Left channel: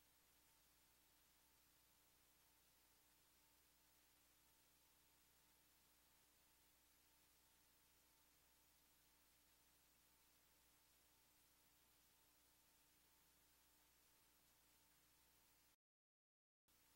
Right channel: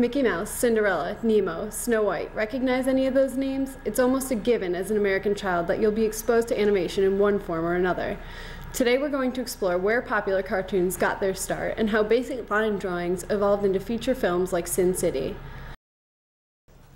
Mickey Mouse, Cinderella, Nemo, Snow White. Recognize any of those names? It's almost a given as an American child that you'll be exposed to animation in one form or another. Today we're going to explore where popular cartoons got their start and how basic line drawings evolved into feature films like Sin City.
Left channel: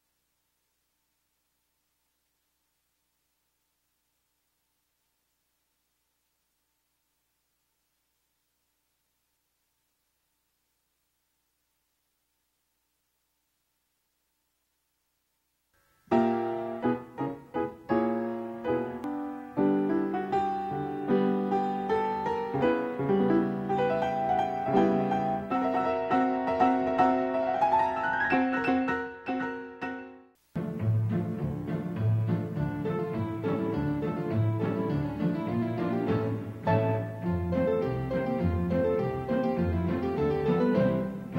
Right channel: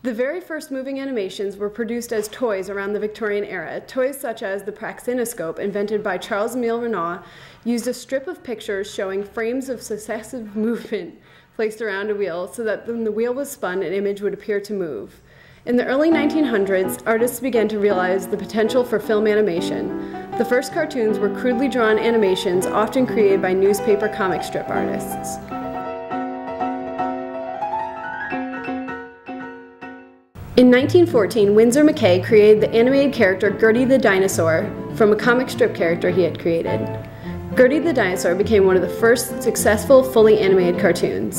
The very first moving animations were produced as toys around the Victorian era. Toys such as the praxinoscope, invented by Charles Emile Renault, used a strip of pictures showing frames of successive movement placed around a wheel so that when the wheel was spun, an image would appear to move. In the early 1900s, artists began to realize the potential for film animation. The first cartoons were crudely drawn animations, often created by newspaper comic strip artists. In 1914, Winsor McCay created the animated character Gertie the Dinosaur from a comic strip character he had created. Gertie the Dinosaur became one of the first successful, fully animated cartoons.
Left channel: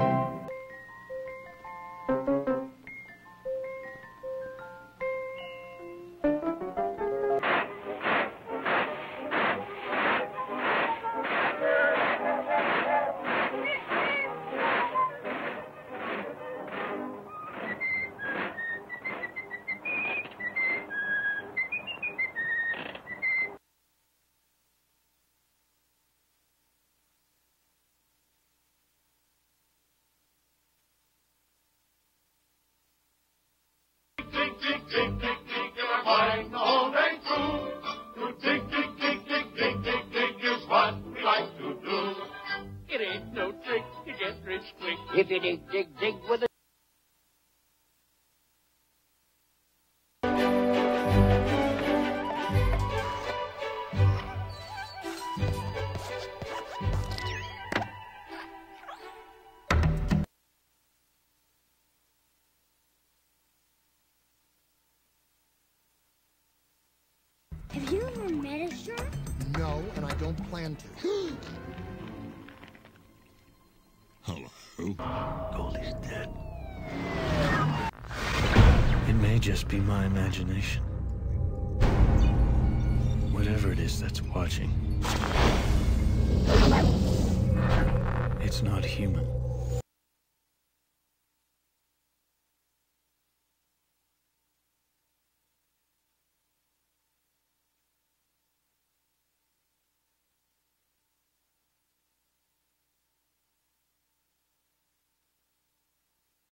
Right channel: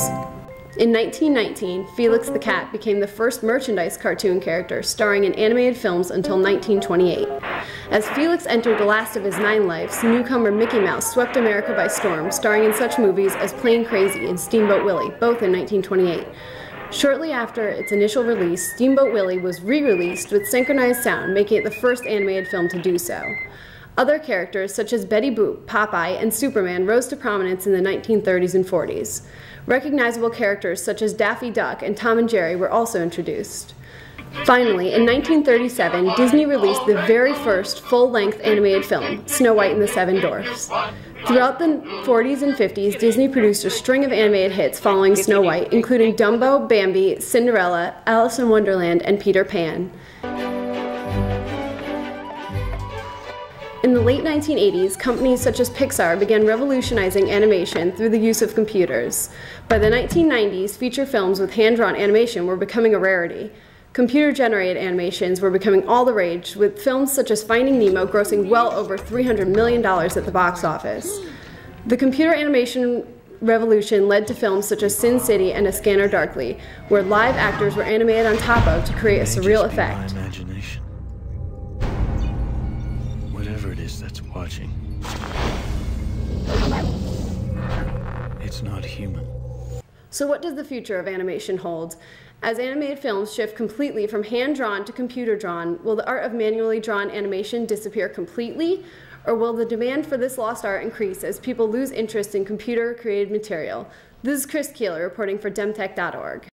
In 1919, Felix the Cat became the first merchandise cartoon character starring in animated films until 1928. As Felix entered the last of his 9 lives, newcomer Mickey Mouse swept America by storm, starring in such movies as Plain Crazy and Steamboat Willie, both in 1928. Shortly after its initial release, Steamboat Willie was re-released with synchronized sound, making it the first animated film to do so. Other characters, such as Betty Boop, Popeye, and Superman, rose to prominence in the 1930s and 40s. Recognizable characters such as Daffy Duck and Tom and Jerry were also introduced. Finally, in 1937, Disney released the very first full-length animated film, Snow White and the Seven Dwarfs. Throughout the 40s and 50s, Disney produced a string of animated hits following Snow White, including Dumbo, Bambi, Cinderella, Alice in Wonderland, and Peter Pan. In the late 1980s, companies such as Pixar began revolutionizing animation through the use of computers. By the 1990s, feature films with hand-drawn animation were becoming a rarity. Computer-generated animations were becoming all the rage, with films such as Finding Nemo grossing well over $300 million at the box office. The computer animation revolution led to films such as Sin City and A Scanner Darkly, where live actors were animated on top of to create a surreal effect. My imagination. Whatever it is that's watching, it's not human. So what does the future of animation hold? As animated films shift completely from hand-drawn to computer-drawn, will the art of manually drawn animation disappear completely? Or will the demand for this lost art increase as people lose interest in computer-created material? This is Kris Keeler reporting for Demtech.org.